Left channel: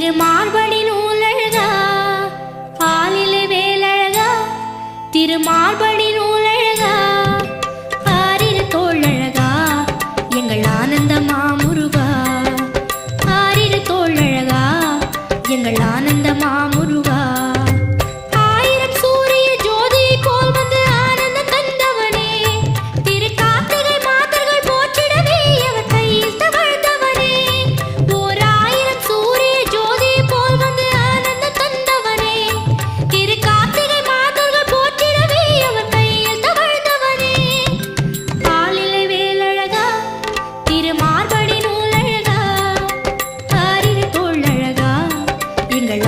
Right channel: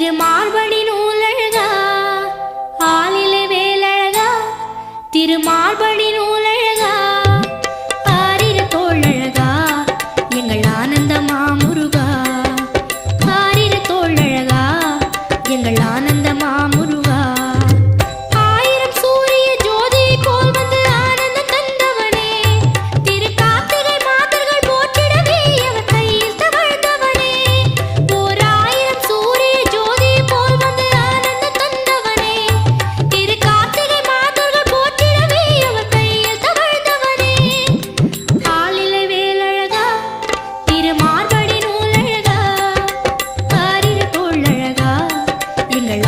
திருமார்படி நூலழகா ஆலிலே வேலழகா திருமார்படி நூலழகா ஆரிரு தோழழகா எங்கள் ஆனந்த மாமுருகா ஆரிரு தோழழகா எங்கள் ஆனந்த மாமுருகா ஆயிரம் சூரிய ஜோதி போல் வந்து ஆனந்தம் தந்தவனே திரு கார்த்திகை மாதர்கள் போற்றிடவே அவர் கையில் தவழ்ந்தவனே ஓர் ஆயிரம் சூரிய ஜோதி போல் வந்து ஆனந்தம் தந்தவனே திரு கார்த்திகை மாதர்கள் போற்றிடவே அவர் கையில் தவழ்ந்தவனே ஆலிலை வேலழகா திருமார்படி நூலழகா ஆரிரு தோழழகா எங்கள்